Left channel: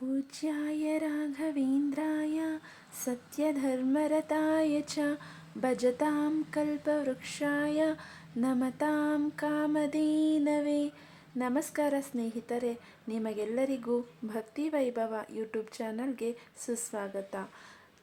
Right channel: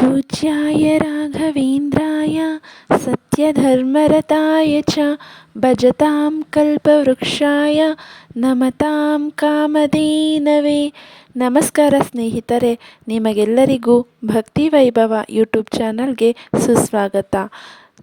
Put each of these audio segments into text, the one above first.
पूज्याय राघवेन्द्राय सत्यधर्मरताय च भजतां कल्पवृक्षाय ನಮತಾಂ ಕಾಮಧೇನವೇ ನಮಸ್ಕಾರ ಸ್ನೇಹಿತರೆ ನಿಮಗೆಲ್ಲರಿಗೂ ಭಕ್ತಿ ವೈಭವ ಯೂಟ್ಯೂಬ್ ಚಾನಲ್ಗೆ ಸುಸ್ವಾಗತ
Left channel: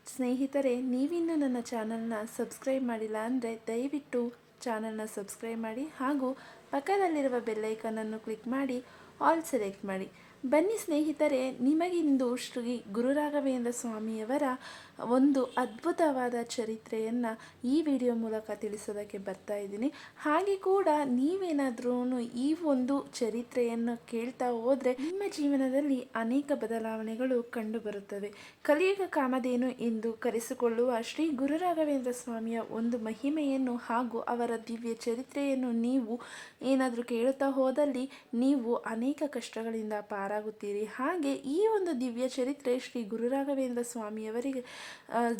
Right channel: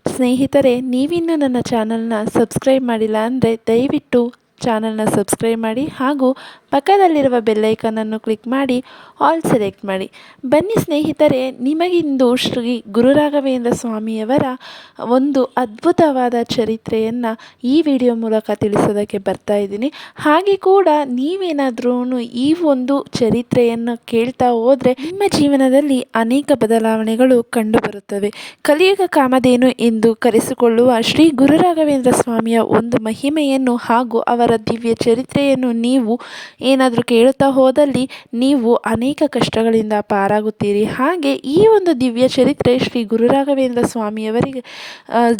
ಸ್ನೇಹಿತರೆ ನೀವಿನ್ನೂ ನನ್ನ ಚಾನಲ್ನ ಸಬ್ಸ್ಕ್ರೈಬ್ ಮಾಡಿಲ್ಲ ಅಂದರೆ ದಯವಿಟ್ಟು ಚಾನಲ್ನ ಸಬ್ಸ್ಕ್ರೈಬ್ ಮಾಡಿ ಹಾಗೂ ಪಕ್ಕದಲ್ಲಿರುವ ಬೆಲ್ಲೈಕನನ್ನು ಕ್ಲಿಕ್ ಮಾಡಿ ಆಲ್ ಸೆಲೆಕ್ಟ್ ಮಾಡಿ. ಬನ್ನಿ ಸ್ನೇಹಿತರೆ, ನಿಮಗಿಂದು ಶ್ರೀ ಗುರುರಾಘವೇಂದ್ರ ಸ್ವಾಮಿಯವರ ಒಂದು ಅದ್ಭುತವಾದ ಚರಿತ್ರೆಯನ್ನು ಈ ವಿಡಿಯೋ ಮೂಲಕ ತಿಳಿಸೋದಕ್ಕೆ ಬರ್ತಾ ಇದ್ದೀನಿ. ಹಾಗೆ ಕೂಡ ನೀವೇನಾದ್ರೂ ಈ ಒಂದು ಚರಿತ್ರೆಯನ್ನು ಕೇಳ್ತಾ ಹೋದರೆ ನಿಮ್ಮ ಜೀವನದಲ್ಲಿ ಅನೇಕ ಬದಲಾವಣೆಗಳು ಕಂಡುಬರುತ್ತವೆ. ಕಲಿಯುಗ ಕಾಮಧೇನು ಎಂದು ಕರೆಸಿಕೊಳ್ಳುವ ಶ್ರೀ ಗುರುರಾಘವೇಂದ್ರ ಸ್ವಾಮಿಯ ಒಂದು ಮಹಿಮೆಯನ್ನು ಹಾಗೂ ಅವರ ದಿವ್ಯ ಚರಿತ್ರೆಯನ್ನು ನೀವು ಏನಾದರೂ ಕೇಳುತ್ತಾ ಹೋದಲ್ಲಿ ನೀವು ಅನೇಕ ಕಷ್ಟಗಳಿಂದ ಪಾರಾಗುತ್ತೀರಿ. ಹಾಗೆ ಈ ಒಂದು ದಿವ್ಯ ಚರಿತ್ರೆ ಶ್ರೀ ಗುರುರಾಘವೇಂದ್ರ ಸ್ವಾಮಿಯವರಿಗೆ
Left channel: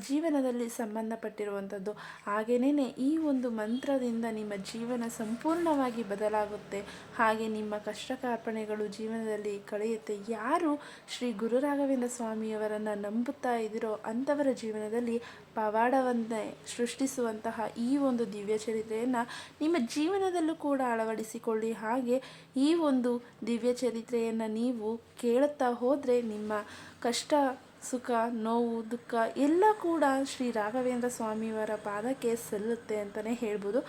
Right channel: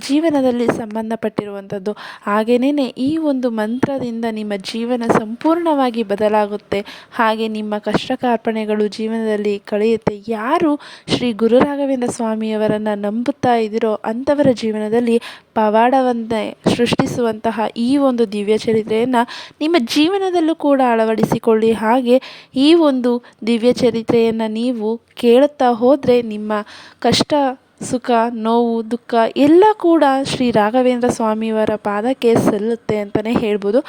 ಜೀವನದಲ್ಲಿ ಸಂಬಂಧಪಟ್ಟಿರುವಂಥದ್ದು. ಹಾಗೆಯೇ ಈ ಒಂದು ಮಂತ್ರದಿಂದ ನಿಮ್ಮ ಜೀವನ ಸಂಪೂರ್ಣವಾಗಿ ಬದಲಾಗುತ್ತೆ. ಹಾಗೆ ನಿಮ್ಮ ಕಷ್ಟ ಕಾರ್ಪಣೆಗಳು ಜೀವನದಲ್ಲಿ ಕಳೆಯುತ್ತೆ. ಯಾರು ಶ್ರೀ ಗುರುರಾಘವೇಂದ್ರ ಸ್ವಾಮಿಯವರನ್ನು ನಂಬುತ್ತಾ ಇದ್ದೀರೋ ಅಂಥವರ ಜೀವನದಲ್ಲಿ ಪವಾಡವನ್ನೇ ಸೃಷ್ಟಿಸುವಂತಹ ಈ ಒಂದು ದಿವ್ಯ ಚರಿತ್ರೆಯನ್ನು ನಿಮ್ಮ ಜೀವನದಲ್ಲೂ ಕೂಡ ಅಳವಡಿಸಿಕೊಳ್ಳಿ. ಹಾಗೆ ಈ ಒಂದು ದಿವ್ಯ ಚರಿತ್ರೆಯನ್ನು ನೀವು ಕೇಳುತ್ತಾ ಹೋದರೆ ನಿಮ್ಮ ಕಷ್ಟ ಸುಖ, ನೋವು, ದುಃಖ ಎಲ್ಲ ಕೂಡ ಶ್ರೀ ರಾಘವೇಂದ್ರ ಸ್ವಾಮಿಯವರ ಪಾದಕ್ಕೆ ಸಲ್ಲುತ್ತೆ ಅಂತಲೇ ಹೇಳ್ಬೋದು.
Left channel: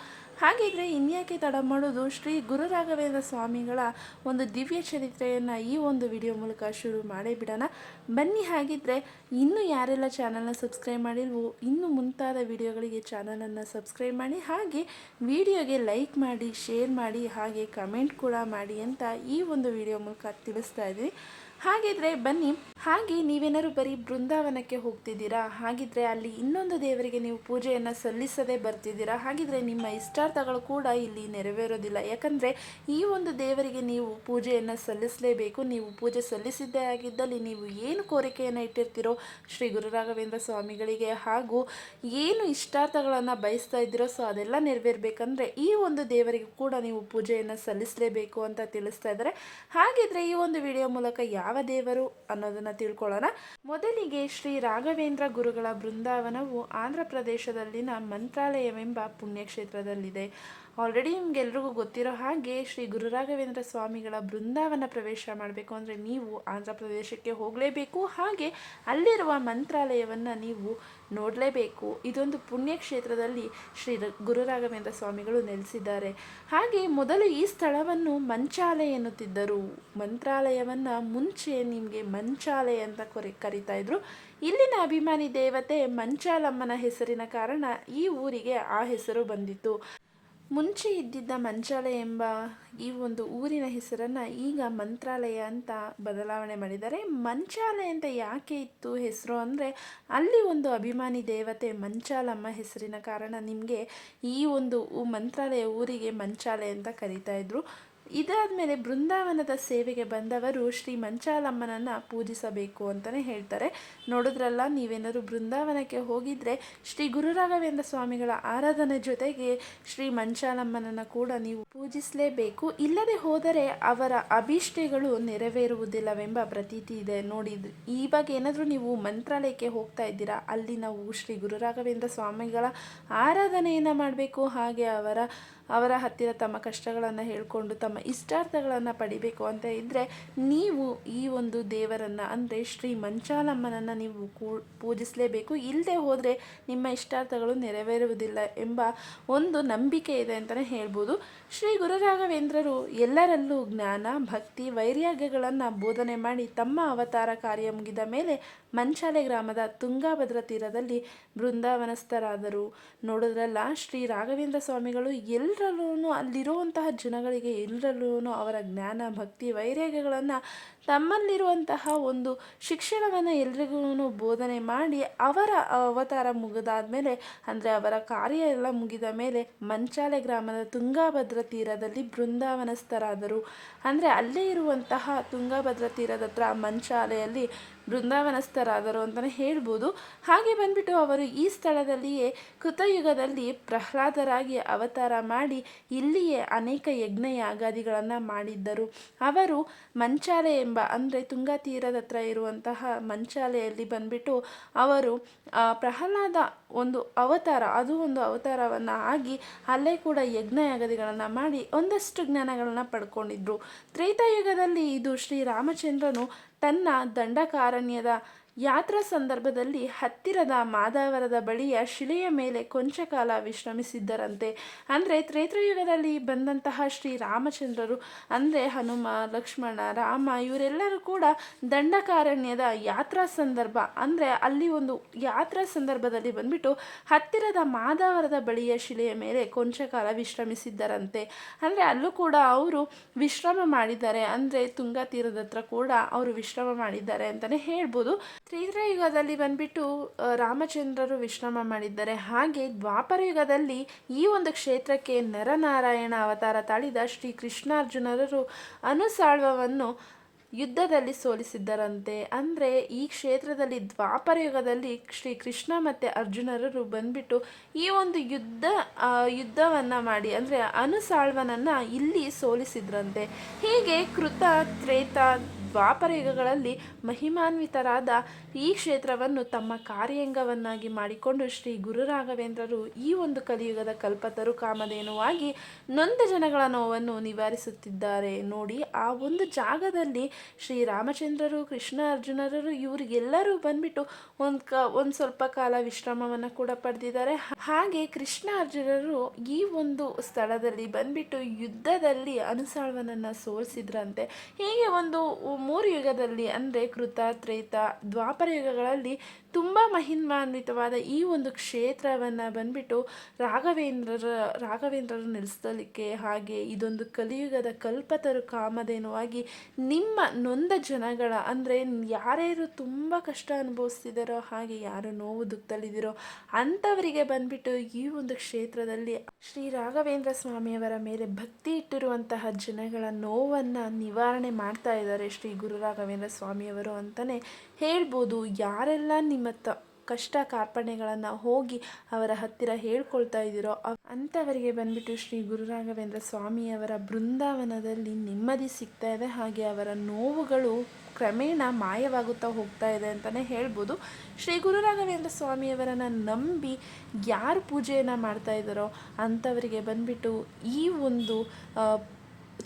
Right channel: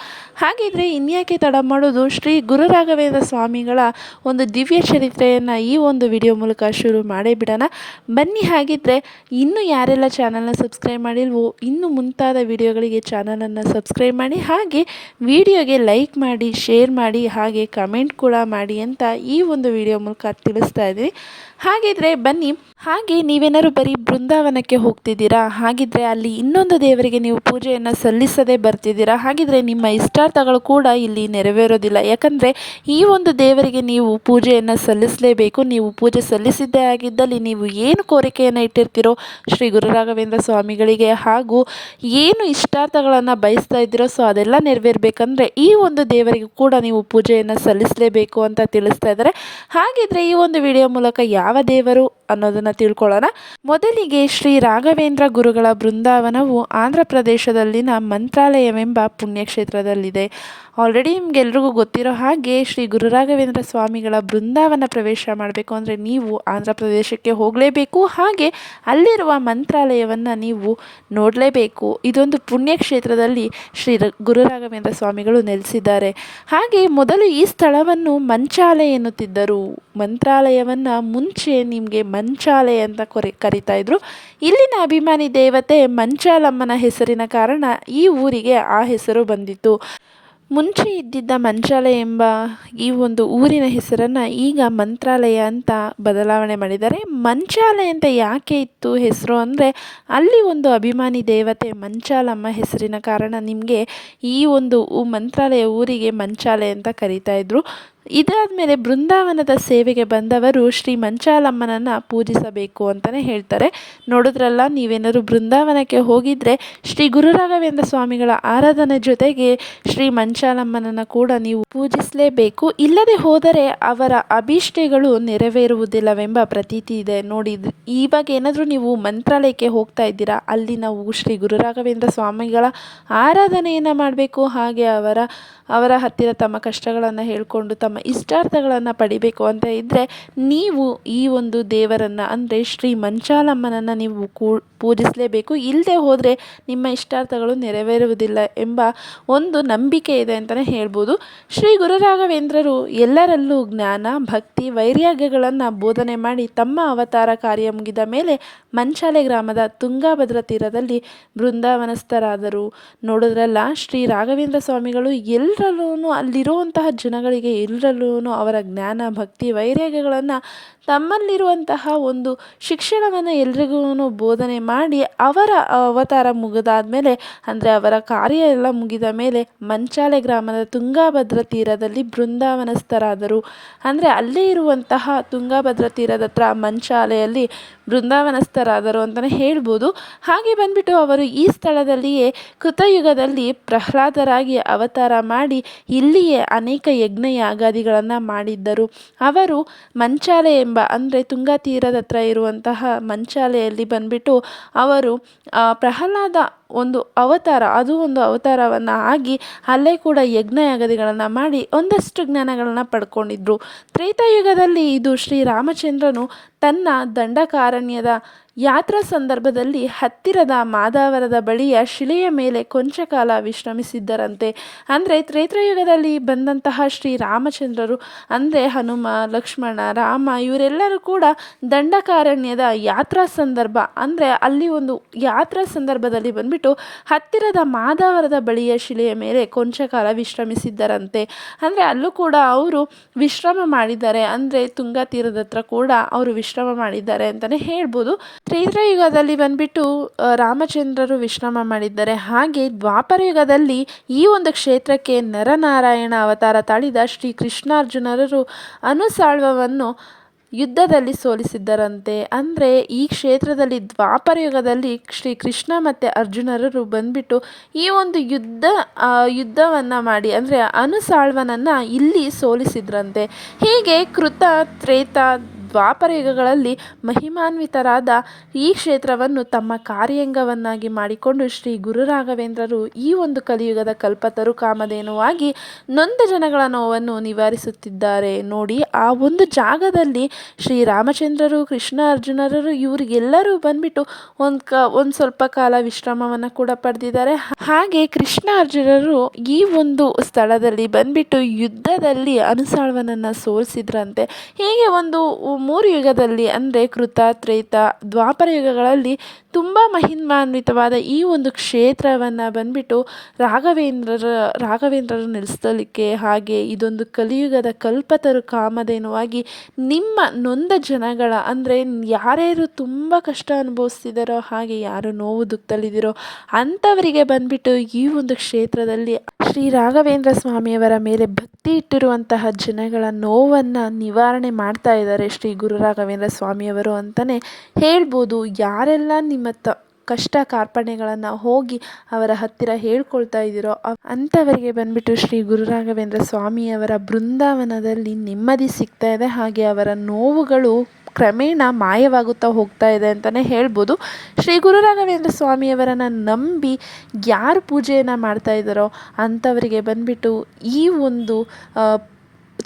ಹಾಗಿದ್ರೆ ಇನ್ಯಾಕೆ ತಡ ಮಾಡೋದು? ಶ್ರೀ ಗುರು ರಾಘವೇಂದ್ರ ಸ್ವಾಮಿಗಳ ಒಂದು ದಿವ್ಯ ಚರಿತ್ರೆಯನ್ನು ಈ ಒಂದು ವಿಡಿಯೋ ಮೂಲಕ ಶುರು ಮಾಡೇ ಬಿಡೋಣ. ಬನ್ನಿ ಹಾಗಿದ್ರೆ ಇನ್ನೂ ಯಾರೆಲ್ಲ ಚಾನಲ್ನ ಸಬ್ಸ್ಕ್ರೈಬ್ ಮಾಡಿಲ್ವೋ, ಇನ್ನು ಮುಂತಾದ ವಿಡಿಯೋಗಳಿಗೆ ಚಾನಲನ್ನು ಸಬ್ಸ್ಕ್ರೈಬ್ ಮಾಡಿ, ಹಾಗೆ ವಿಡಿಯೋಗೆ ಲೈಕ್ ಮಾಡಿ, ಶೇರ್ ಮಾಡಿ, ಹಾಗೆ ಕಮೆಂಟ್ ಕೂಡ ಮಾಡಿ ಅಂತ ಈ ಒಂದು ವಿಡಿಯೋ ಮೂಲಕ ತಿಳಿಸ್ತಾ ಇದ್ದೀನಿ. ಹಾಗಿದ್ರೆ ಬನ್ನಿ, ಹಾಗೆ ನೀವೇನಾದ್ರು ಬರೀ ಬೃಂದಾವನಕ್ಕೆ ಹೋಗ್ತಿದ್ದೀರಾ? ಹಾಗಿದ್ರೆ ಅಲ್ಲಿ ಇನ್ನೊಂದು ದೇವರಿಗೆ ನೀವು ಪೂಜೆಯನ್ನು ಸಲ್ಲಿಸದೆ ಬರ್ತಿದ್ದೀರಾ? ಹಾಗಿದ್ರೆ ನಿಮ್ಮ ಇಷ್ಟಾರ್ಥಗಳು ಕೂಡ ಇಲ್ಲಿ ನೆರವೇರೋದಿಲ್ಲ. ಯಾಕಂದರೆ ಈ ಒಂದು ದೇವರಿಗೆ ನೀವು ಪೂಜೆಯನ್ನು ಸಲ್ಲಿಸಲೇಬೇಕು. ನೀವು ಪೂಜೆ ಸಲ್ಲಿಸಿದ್ದೇ ಆಗಿದ್ದಲ್ಲಿ ನೀವು ಏನು ಕೋರಿಕೆಯನ್ನು ಇಟ್ಟಿರ್ತೀರೋ ಶ್ರೀ ಗುರುರಾಘವೇಂದ್ರ ಸ್ವಾಮಿಗಳಿಗೆ ಹಾಗೂ ಏನು ಇಷ್ಟಾರ್ಥಗಳನ್ನು ಬಯಸ್ತಾ ಇದ್ದೀರೋ, ಸೊ ಅದೆಲ್ಲ ನೆರವೇರಬೇಕಂದ್ರೆ ಈ ಒಂದು ದೇವರಿಗೆ ಕೂಡ ನೀವು ಪೂಜೆಯನ್ನು ಸಲ್ಲಿಸಲೇಬೇಕು ಅಂತ ತಿಳಿಸ್ತಾ ಇದ್ದಾರೆ. ಹಾಗಿದ್ರೆ ಈ ಒಂದು ವಿಡಿಯೋ ಮೂಲಕ ಯಾವ ದೇವರು ಅನ್ನೋದನ್ನು ತಿಳ್ಕೊಳ್ಳೋಣ. ಮೊದಲಿಗೆ ಶ್ರೀ ರಾಘವೇಂದ್ರ ಗುರುಗಳ ಬೃಂದಾವನವು ಆಂಧ್ರ ಪ್ರದೇಶದಲ್ಲಿನ ಮಂತ್ರಾಲಯವೆಂಬ ಪುಣ್ಯಕ್ಷೇತ್ರದಲ್ಲಿದೆ. ಆಲ್ರೆಡಿ ನಿಮ್ಗೆಲ್ರಿಗೂ ಗೊತ್ತಿರೋ ಹಾಗೆ ಶ್ರೀ ಗುರು ರಾಘವೇಂದ್ರ ಸ್ವಾಮಿಗಳ ಬೃಂದಾವನ ಪ್ರವೇಶ ಮಾಡಬೇಕು ಅಂದರೆ ನೀವು ಆಂಧ್ರ ಪ್ರದೇಶಕ್ಕೆ ಹೋಗಲೇಬೇಕು. ಹಾಗೆ ಅಲ್ಲಿರುವ ಮಂತ್ರಾಲಯವನ್ನು ನೀವು ನೋಡಲೇಬೇಕು. ಇದೊಂದು ಪುಣ್ಯಕ್ಷೇತ್ರದಲ್ಲಿ ಶ್ರೀ ಗುರುರಾಘವೇಂದ್ರ ಸ್ವಾಮಿಗಳು ನೆಲೆಸಿದ್ದಾರೆ. ಹಾಗೆ ಮೊದಲು ಈ ಸ್ಥಳವನ್ನು ಮಂಚಾಲಯ ಎನ್ನುತ್ತಿದ್ದರು. ಮಂತ್ರಾಲಯವನ್ನು ಮುಂಚೆ ನಿಮಗೆ ಮಂಚಾಲೆ ಅಂತ ಕೊರೆ, ಕರಿತಾ ಇದ್ರು. ಇಲ್ಲಿನ ಅಭಿಮಾನಿ ದೇವತೆ ಮಂಚಾಲಮ್ಮನ ಹೆಸರಿನ ಕಾರಣ ಈ ಊರಿಗೆ ಆ ಹೆಸರು ಬಂದಿತ್ತು. ಮುಂಚೆ ಇದ್ದಿದ್ದ ಮಂಚಾಲೆ ಎಂಬ ಈ ಒಂದು ಊರಿನ ಹೆಸರನ್ನು ಈಗ ಮಂತ್ರಾಲಯ ಅಂತ ಬದಲಾವಣೆ ಮಾಡಿದ್ದಾರೆ. ಮಂಚಾಲಯ ಅಂತ ಯಾಕೆ ಇತ್ತು ಹೆಸರು ಅಂದರೆ ಅಲ್ಲಿ ಒಂದು ಅಭಿಮಾನಿ ದೇವತೆ ಮಂಚಾಲಮ್ಮ ಹೆಸರಿನ ಕಾರಣ ನಿಮಗೆ ಈ ಒಂದು ಮಂತ್ರಾಲಯ ಊರಿಗೆ ಮಂಚಾಲೆ ಅಂತ ಕರೀತಾ ಇದ್ರು. ಇದಾದ ಮೇಲೆ ಬೃಂದಾವನದ ಸೇವೆಗೆ ಬಂದವರು ಶ್ರೀ ಮಂಚಾಲಮ್ಮನನ್ನು ಪೂಜಿಸಬೇಕು ಅಂತಲೇ ಹೇಳ್ತಾರೆ. ನೋಡಿದ್ರಲ್ಲ, ನೀವೇನಾದ್ರು ಬೃಂದಾವನಕ್ಕೆ ಹೋಗಿದ್ರೆ ಶ್ರೀ ಗುರುರಾಘವೇಂದ್ರ ಸ್ವಾಮಿಗಳ ಆರಾಧನೆ ಜೊತೆಗೆ ಶ್ರೀ ಮಂಚಾಲಮ್ಮನನ್ನು ಕೂಡ ನೀವು ಪೂಜಿಸಲೇಬೇಕು. ಇಲ್ಲದೆ ಹೋದರೆ ಅವರ ಅಭೀಷ್ಟೆಗಳು ನೆರವೇರುವುದಿಲ್ಲವೆಂಬ ಪ್ರತೀತಿ ಇದೆ. ನೋಡಿ ಇವಾಗ ಏನಾದರೂ ನೀವು ಮಂತ್ರಾಲಯಕ್ಕೆ ಹೋಗ್ತಾ ಇದ್ದೀರಾ? ಅಲ್ಲಿ ನಾವು ಶ್ರೀ ಗುರುರಾಘವೇಂದ್ರ ಸ್ವಾಮಿಗಳ ಆರಾಧನೆಯನ್ನು ಮಾಡಬೇಕು. ಹಾಗೆ ಅವರ ಅವರ ಹತ್ತಿರ ತಮ್ಮ ಕಷ್ಟಗಳನ್ನು ಹೇಳಿಕೊಂಡು ಇಷ್ಟಾರ್ಥಗಳನ್ನು ಪಡಿಬೇಕು ಅಂತ ಇದ್ದರೆ ನೀವು ಈ ಒಂದು ದೇವರನ್ನು, ಅಂದರೆ ಶ್ರೀ ಮಂಚಾಲಮ್ಮನನ್ನು ನೀವು ಕೂ, ಪೂಜಿಸಲೇಬೇಕು. ಇಲ್ಲದೆ ಹೋದರೆ ನಿಮ್ಮ ಇಷ್ಟಾರ್ಥಗಳು ನೆರವೇರುವುದಿಲ್ಲ ಎಂಬ ಒಂದು ನಂಬಿಕೆ ಇದೆ ಅಂತಲೇ ಹೇಳ್ಬೋದು. ಶ್ರೀ ಗುರುರಾಘವೇಂದ್ರರು ಎಲ್ಲರಲ್ಲೂ ಜ್ಞಾನ, ಭಕ್ತಿ, ವೈರಾಗ್ಯಗಳನ್ನು ಬೋಧನೆ ಮಾಡಿ ತಮ್ಮ ಅವತಾರ ಕಾರ್ಯ ಮುಗಿದ ಮೇಲೆ ಮಂಚಾಲೆ ಗ್ರಾಮದ ತುಂಗಾಭದ್ರಾ ತೀರದಲ್ಲಿ ಬೃಂದಾವನಸ್ಥರಾದರು. ನೋಡಿದ್ರಲ್ಲ, ಶ್ರೀ ರಾಘವೇಂದ್ರ ಸ್ವಾಮಿಗಳು ಎಲ್ಲರಲ್ಲೂ ಅಲ್ಲಿರುವಂತಹ ಜನಗಳಿಗೆ ಎಲ್ಲರಲ್ಲೂ ಅವರ ಜ್ಞಾನ, ಭಕ್ತಿ, ವೈರಾಗ್ಯಗಳನ್ನು ತಮ್ಮಲ್ಲಿರುವಂತಹ ಒಂದು ಶಿಕ್ಷಣವನ್ನು ಎಲ್ರಿಗೂ ಬೋಧನೆ ಮಾಡಿ ಅವರ ಅವತಾರ ಮುಗಿದಾದ ಮೇಲೆ ಅಂದರೆ ಅವರ ಕಾರ್ಯ ಎಲ್ಲ ಮುಗಿದ ಮೇಲೆ ಮಂಚಾಲೆ ಗ್ರಾಮದ ತುಂಗಾಭದ್ರ ತೀರದಲ್ಲಿ ಬೃಂದಾವನಸ್ಥರಾದರು. ಅಂದರೆ ಅಲ್ಲೇ ಇರುವಂತಹ ತುಂಗಾಭದ್ರ ತೀರದ ಹತ್ರ ಮಂಚಾಲೆಯಲ್ಲಿ ಬೃಂದಾವನಸ್ಥರಾದರು ಅಂತಲೇ ಹೇಳ್ಬೋದು. ಹಾಗೆ ಬಂದ್ಬಿಟ್ಟು ಅವರು ಈ ಸ್ಥಳದಲ್ಲಿಯೇ ಕೃತಯುಗದಲ್ಲಿ ಪ್ರಹ್ಲಾದರಾಗಿ ಅವತಾರ ಮಾಡಿ ಇಲ್ಲಿಯೇ ಅನೇಕ ಯಜ್ಞ ಯಾಗಾದಿಗಳನ್ನು ಮಾಡಿದ್ದರು. ಅವರು ಮಂಚಾಲೆ ಎಂಬ, ಅಂದರೆ ತುಂಗಾ ತೀರದ ಹತ್ರ ಇರುವಂತಹ ಮಂಚಾಲೆಯಲ್ಲಿ ಬಂದ್ಬಿಟ್ಟು ಅವರು ಪ್ರಹ್ಲಾದ ಒಂದು ಅವತಾರ, ಅದು ಒಂದು ಅವತಾರವನ್ನು ಆಗಿ ಅಲ್ಲೇ ಕೂಡ ಯಜ್ಞ ಯಾಗದಿಗಳನ್ನು ಮಾಡಿ ಒಂದಷ್ಟು ಜ್ಞಾನಗಳನ್ನು ಪಡ್ಕೊಂಡಿದ್ರು. ತ್ರೇತಾಯುಗದಲ್ಲಿ ಇದು ಶ್ರೀರಾಮಚಂದ್ರನು ತನ್ನ ದಂಡಕಾರಣ್ಯದ ಯಾತ್ರಾ ಸಂದರ್ಭದಲ್ಲಿ ಹತ್ತಿರದ ಮಾದಾವರದ ಬಳಿಯ ಶಿಲೆಯ ಮೇಲೆ ಕೊಂಚ ಕಾಲ ವಿಶ್ರಮಿಸಿದ್ದರಂತೆ. ಅಂದರೆ ತ್ರೇತ್ರಯುಗದಲ್ಲಿ ಬಂದಂತಹ ಶ್ರೀರಾಮಚಂದ್ರರು, ಅಂದರೆ ಹನುಮ, ಲಕ್ಷ್ಮಣ, ರಾಮ, ಇವರೆಲ್ಲರೂ ಕೂಡ ದಂಡಕಾರಣ್ಯದ ಯಾತ್ರಾ ಸಂದರ್ಭ, ಅಂದರೆ ಅಲ್ಲಿ ಒಂದು ಯಾತ್ರಾ ಸಂದರ್ಭದಲ್ಲಿ ಬಂದ್ಬಿಟ್ಟು ಹತ್ತಿರದ ಮಾದಾವರದ ಬಳಿಯ ಶಿಲೆಯ ಮೇಲೆ ಕೊಂಚ ಕಾಲ ವಿಶ್ರಮಿಸಿದ್ದರಂತೆ. ಅಂದರೆ ಅಲ್ಲೂ ಕೂಡ ಅವರು ವಿಶ್ರಮ ಮಾಡಿದ್ದಾರೆ. ಅಂದರೆ ತುಂಗಾ ತೀರದ ಹತ್ರ ಕೂಡ ಅವರು ವಿಶ್ರಮ ಮಾಡಿದ್ದಾರೆ ಅಂತಲೇ ಹೇಳ್ಬೋದು. ತ್ರೇತಾಯುಗದಲ್ಲಿ ಬಂದ್ಬಿಟ್ಟು ಆ, ರಾಮಚಂದ್ರರು ವಿಶ್ರಮ ಮಾಡಿದ್ದಾರೆ. ಹಾಗೆ ದ್ವಾಪರ ಯುಗದಲ್ಲಿ ಈ ಒಂದು ಕ್ಷೇತ್ರಕ್ಕೆ ನರನಾರಾಯಣ ಅವತಾರ ತಾಳಿದ ಶ್ರೀ ಕೃಷ್ಣಾರ್ಜುನರರು ಅನುಸಾಳ್ವವನ್ನು ಯುದ್ಧದಲ್ಲಿ ಸೋಲಿಸಿದ್ದರಂತೆ. ಅಂದರೆ ಈ ಕ್ಷೇತ್ರದಲ್ಲಿ ದ್ವಾಪರ ಯುಗದಲ್ಲಿ ಶ್ರೀ ಕೃಷ್ಣ ಮತ್ತು ಅರ್ಜುನರರು ಬಂದ್ಬಿಟ್ಟು ಈ ಒಂದು ಯುದ್ಧ ಯುದ್ಧವನ್ನು ಮಾಡಿ ಅಂದರೆ ಅನುಸಾಳ್ವನನ್ನು ಇಲ್ಲಿ ಸೋಲಿಸಿದ್ರಂತೆ. ಹೀಗೆ ಕೃತ ತ್ರೇತ ದ್ವಾಪರ ಯುಗಗಳಲ್ಲಿ ಮಹಿಮಾನ್ವಿತರಾದ ಈ ಕ್ಷೇತ್ರವನ್ನು ತಮ್ಮ ಕಾರ್ಯಾಂಗವನ್ನಾಗಿ ಮಾಡಿಕೊಂಡು ಶ್ರೀ ಗುರು ರಾಘವೇಂದ್ರರು ಈ ಒಂದು ಕಲಿಯುಗದ ಕಲ್ಪತರು ಕಾಮಧೇನುವಾಗಿ ನೊಂದ ಜನಗಳ ನೋವನ್ನು ನಿವಾರಿಸುತ್ತಿದ್ದಾರೆ. ನೋಡಿ, ಆ ಒಂದು ಜಾಗದಲ್ಲಿ ಶ್ರೀ ರಾಮಚಂದ್ರರು, ಕೃಷ್ಣ ಅರ್ಜುನರರು ಇವರಿಗೆಲ್ಲರೂ ಬಂದ್ಬಿಟ್ಟು ಒಂದು ಕ, ಒಂದು ಸ್ವಲ್ಪ ಕಾಲ ವಿಶ್ರಮವನ್ನು ಕೂಡ ಪಡೆದಿದ್ದಾರೆ. ಹಾಗೆ ಕೃಷ್ಣ ಅರ್ಜುನರು ಈ ಒಂದು ಸ್ಥಳದಲ್ಲಿ ಬಂದ್ಬಿಟ್ಟು ಯುದ್ಧದಲ್ಲಿ ಅನುಸಾಳ್ವನನ್ನು ಸೋಲಿಸಿದ್ರಂತೆ. ಹೀಗೆ ಒಂದು ಮೂರು ಯುಗದಲ್ಲಿ ಅಂದರೆ ಕೃತ ತ್ರೈತ ದ್ವಾಪರ ಯುಗಗಳಲ್ಲಿ ತುಂಬ ಮಹಿಮಾನ್ವಿತವಾದ ಈ ಒಂದು ಕ್ಷೇತ್ರವನ್ನು ಬಂದ್ಬಿಟ್ಟು ರಾಘವೇಂದ್ರರ, ರಾಘವೇಂದ್ರರು ನೆಲೆಸಲಿಕ್ಕೆ ಹಾಗೆ ಇದೊಂದು ಕಲಿಯುಗದ ಕಲ್ಪತರು ಕಾಮಧೇನುವಾಗಿ ನಿಮ್ಮ ನೊಂದ ಜನಗಳ ಅಂದರೆ ಯಾರ್ಯಾರು ತುಂಬ ಕಷ್ಟ ಅನುಭವಿಸ್ತಿದ್ದಾರೋ ಹಾಗೆ ಯಾರು ನೋವು ದುಃಖದಲ್ಲಿದ್ದೀರೋ ಅಂಥವರಿಗೆ ಬಂದ್ಬಿಟ್ಟು ಈ ಒಂದು ಕ್ಷೇತ್ರದಲ್ಲಿ ಶ್ರೀ ರಾಘವೇಂದ್ರ ಸ್ವಾಮಿಯವರ ಮೇಲೆ ಭಕ್ತಿ ಇಟ್ಟಿರುವಂತಹ ಜನಗಳ ನೋವನ್ನು ನಿವಾರಣೆ ಮಾಡ್ತಾ ಇದ್ದಾರೆ ಶ್ರೀ ಗುರು ರಾಘವೇಂದ್ರ ಸ್ವಾಮಿಯವರು ಅಂತಲೇ ಹೇಳ್ಬೋದು. ಯಾರೆಲ್ಲ ತ ಕಷ್ಟ ಕಾರ್ಪಣ್ಯಗಳನ್ನು ಹೋಗಿ ಅವರ ಹತ್ತಿರ ಹೇಳ್ಕೊಳ್ತಾ ಇದ್ದೀರೋ ಅಂಥವರಿಗೆ ಬಂದ್ಬಿಟ್ಟು ಶ್ರೀ ಗುರು ರಾಘವೇಂದ್ರ ಸ್ವಾಮಿಯವರ ಬೃಂದಾವನದಲ್ಲಿ ನೆಮ್ಮದಿ ಸಿಗ್ತಾ ಇದೆ. ಹಾಗೆ ಅವರ ನೋವುಗಳು ಕ್ರಮೇಣ ಮಾಯವಾಗುತ್ತಾ ಹೋಗ್ತಾ ಇದೆ ಅಂತಲೇ ಹೇಳ್ಬೋದು. ಶ್ರೀ ಗುರು ರಾಘವೇಂದ್ರ ಸ್ವಾಮಿಯವರನ್ನು ನಂಬಿ ಯಾರು ಪೂಜೆಯನ್ನು ಮಾಡ್ತಾ ಇದ್ದಾರೋ ಅಂಥವರಿಗೆ ಬಂದ್ಬಿಟ್ಟು ಈ ಒಂದು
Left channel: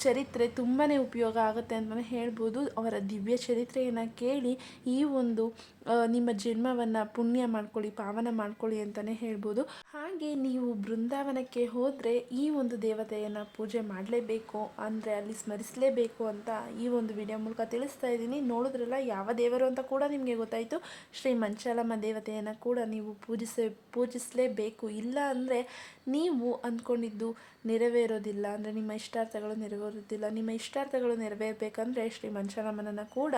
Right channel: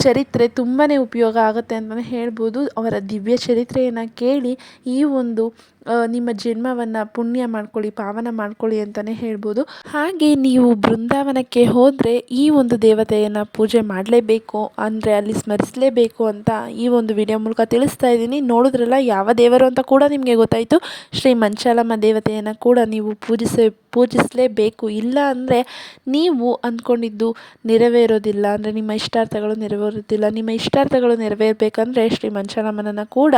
ಚರಿತ್ರೆ ತುಂಬಾ ಉಪಯೋಗ ಆಗುತ್ತೆ ಅಂತಲೇ ಹೇಳ್ಬೋದು. ಅವರ ದಿವ್ಯ ಚರಿತ್ರೆಯನ್ನು ಕೇಳಿ ಈ ಒಂದು ನಿಮ್ಮ ಜನ್ಮವನ್ನು ಪುಣ್ಯ ಮಾಡ್ಕೊಳ್ಳಿ, ಪಾವನ ಮಾಡ್ಕೊಳ್ಳಿ ಅಂತಲೇ ಹೇಳ್ಬೋದು. ಹಾಗೆ ನೀವು ಬೃಂದಾವನಕ್ಕೆ ಹೋದರೆ ಈ ಒಂದು ದೇವತೆಯನ್ನು ಪೂಜೆ ಮಾಡಲೇಬೇಕು, ಅಂದರೆ ಅಲ್ಲಿ ಸ್ಮರಿಸಲೇಬೇಕು ಅಂತ ಈ ಒಂದು ವಿಡಿಯೋ ಮೂಲಕ ತಿಳಿಸ್ತಾ ಇದ್ದೀನಿ. ನೋಡಿದ್ರಲ್ಲ ಯಾವ ದೇವರು ಅಂತ ಕೂಡ ನಿಮಗೆ ಗೊತ್ತಾಯಿತು. ಶ್ರೀ ಮಂಚಾಲಮ್ಮ ದೇವತೆಯನ್ನು ಕೂಡ ನೀವು ಪೂಜಿಸ, ಪೂಜಿಸಲೇಬೇಕು. ಇಲ್ಲ ಅಂದರೆ ನೀವು ಅಂದ್ಕೊಂಡಿದ್ದು ನೆರವೇರೋದಿಲ್ಲ, ಅಂದರೆ ನಿಮ್ಮ ಇಷ್ಟಾರ್ಥಗಳು ನೆರವೇರೋದಿಲ್ಲ ನಿಮ್ಮ ಇಷ್ಟಾರ್ಥಗಳು ನೆರವೇರಬೇಕಂದ್ರೆ ಶ್ರೀ ಮಂಚಾಲಮ್ಮನನ್ನು ಕೂಡ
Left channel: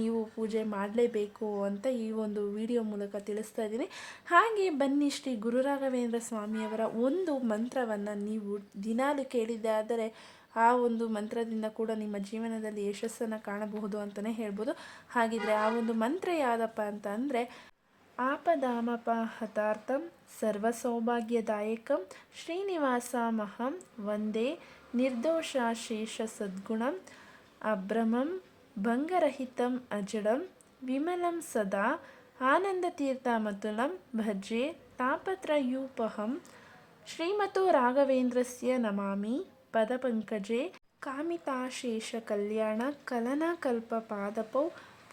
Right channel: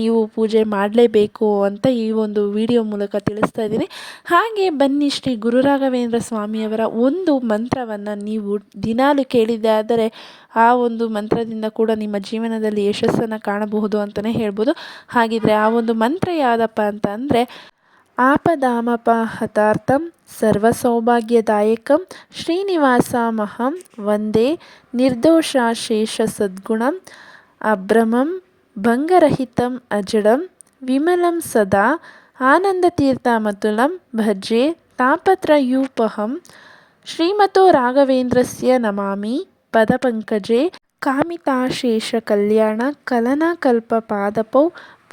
ನೀವು ಪೂಜೆ ಮಾಡಲೇಬೇಕು ಅಂತ ಈ ಒಂದು ವಿಡಿಯೋ ಮೂಲಕ ತಿಳಿಸ್ತಾ ಇದ್ದೀನಿ. ಹಾಗೆ ಬನ್ನಿ ಶ್ರೀ ಗುರುರಾಘವೇಂದ್ರ ಸ್ವಾಮಿಯವರ ಒಂದು ಮಂತ್ರವನ್ನು ನೀವು ದಿನಾಲು ಕೇಳಿದ್ದೆ ಆದರೆ ಆ ಒಂದು ಮಂತ್ರದಿಂದ ಕೂಡ ನಿಮ್ಮ ಜೀವನದಲ್ಲಿ ಯಶಸ್ಸನ್ನು ಕಾಣಬಹುದು ಅಂತಲೇ ಹೇಳ್ಬೋದು. ಹಾಗಿದ್ರೆ ಆ ಒಂದು ಮಂತ್ರ ಯಾವುದಪ್ಪ ಅಂತ ಅಂದರೆ, ಆಪದಾಮಪಹತಾರ್ಥಂ ಸರ್ವಸೌಭಾಗ್ಯದಾಯಕಂ ಶ್ರೀನಿವಾಸಮಹಂ ವಂದೇ ನಿರ್ದೋಷಾಶೇಷ ಸದ್ಗುಣಂ ಅಭ್ರಮಂ ಭಂಗರಹಿತಂ ಅಜಡಂ ವಿಮಲಂ ಸದಾ ಆನಂದತೀರ್ಥಮತುಲಂ ಭಜೆ ತಾಪತ್ರಯೂಪಹಂ. ಶ್ರೀಮತೋ ರಾಘವೇಂದ್ರಸ್ಯ ನಮಾಮಿ ಪದಪಂಕಜೆ ಕಾಮಿತಾಶೇಷ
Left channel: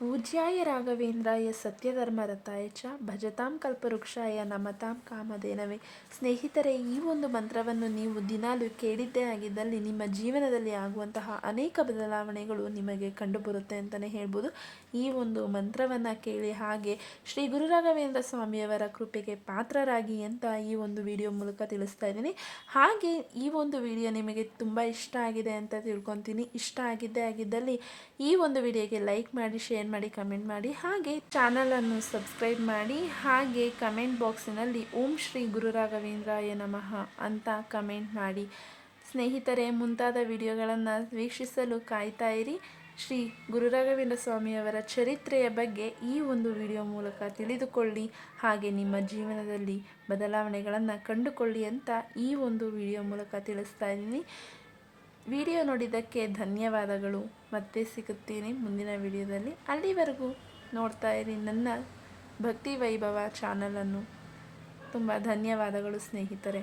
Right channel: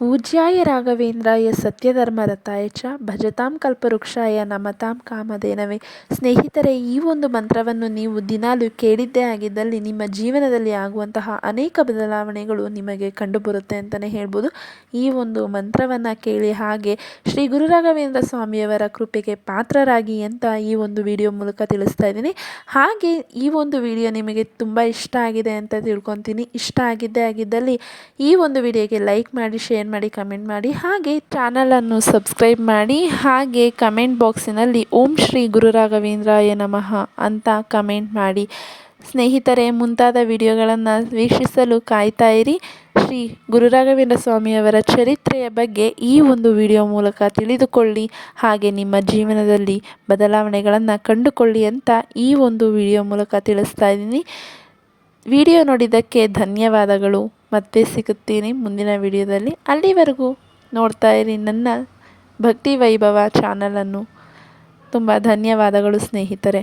ಪೂಜ್ಯಾಯ ರಾಘವೇಂದ್ರಾಯ ಸತ್ಯಧರ್ಮರತಾಯ ಚ ಭಜತಾಂ ಕಲ್ಪವೃಕ್ಷಾಯ ನಮತಾಂ ಕಾಮಧೇನವೇ. ಸ್ನೇಹಿತರೆ, ಈ ಒಂದು ಮಂತ್ರವನ್ನು ನೀವು ದಿನಾಲು ಕೇಳಿದ್ದೇ ಆಗಿದ್ದಲ್ಲಿ ನಿಮ್ಮ ಜೀವನದಲ್ಲಿ ಆಗುವಂತಹ ಅನೇಕ ಬದಲಾವಣೆಗಳು ನಿಮಗೆ ಕಂಡುಬರುತ್ತೆ ಅಂತಲೇ ಹೇಳ್ಬೋದು. ಈ ಒಂದು ಮಂತ್ರವನ್ನು ಕೇಳಿ ಹಾಗೆ ಶ್ರೀ ಗುರು ರಾಘವೇಂದ್ರ ಸ್ವಾಮಿಯವರ ಕೃಪೆಗೆ ಪಾತ್ರರಾಗಿ ಅಂತ ಈ ಒಂದು ವಿಡಿಯೋ ಮೂಲಕ ತಿಳಿಸ್ತಾ ಇದ್ದೀನಿ. ಹಾಗೆ ಈ ಒಂದು ವಿಡಿಯೋ ನಿಮಗೆ ತುಂಬ ಇಷ್ಟ ಆಗಿದೆ ಅಂತ ತಿಳ್ಕೊತೀನಿ. ಇಷ್ಟ ಆಗಿದ್ದೇ ಆಗಿದ್ದಲ್ಲಿ ಈ ಒಂದು ವಿಡಿಯೋಗೆ ಲೈಕ್ ಮಾಡಿ, ಶೇರ್ ಮಾಡಿ ಕಮೆಂಟ್ ಮಾಡಿ. ಹಾಗೆ ಚಾನಲನ್ನು ಸಬ್ಸ್ಕ್ರೈಬ್ ಮಾಡಿ. ಹಾಗೆ ಕಮೆಂಟ್ ಬಾಕ್ಸಿನಲ್ಲಿ ಓಂ ಶ್ರೀ ಗುರು ರಾಘವೇಂದ್ರಾಯ ನಮಃ ಅಂತ ಕಮೆಂಟ್ ಮಾಡಿ. ಸ್ನೇಹಿತರೆ, ಮುಂತಾದ ವಿಡಿಯೋಗಳನ್ನು ವೀಕ್ಷಿಸಲು ಕಾಯ್ತಾ ಇರಿ. ಶ್ರೀ ಗುರು ರಾಘವೇಂದ್ರ ಸ್ವಾಮಿಯವರ ಚರಿತ್ರೆಯ ಬಗ್ಗೆ ಈ ಒಂದು ವಿಡಿಯೋ ಮೂಲಕ ತಿಳಿದುಕೊಳ್ಳಿ. ಹಾಗೆ ನಿಮ್ಮ ಜೀವನದಲ್ಲಿ ಬದಲಾವಣೆಗಳನ್ನು ಕಂಡುಕೊಳ್ಳಿ ಅಂತ ಈ ಒಂದು ವಿಡಿಯೋ ಮೂಲಕ ತಿಳಿಸ್ತಾ ಇದ್ದೀನಿ. ವಿಡಿಯೋ ನೋಡಿದ್ದಕ್ಕೆ ಧನ್ಯವಾದಗಳು. ಮತ್ತೆ ಸಿಗುತ್ತೀನಿ ಮುಂದಿನ ವಿಡಿಯೋದಲ್ಲಿ. ಅಲ್ಲಿವರೆಗೂ ನೋಡ್ತಾ ಇರಿ ನನ್ನ ಭಕ್ತಿ ವೈಭವ ಚಾನಲನ್ನು. ತುಂಬ ಧನ್ಯವಾದಗಳು ಸ್ನೇಹಿತರೆ.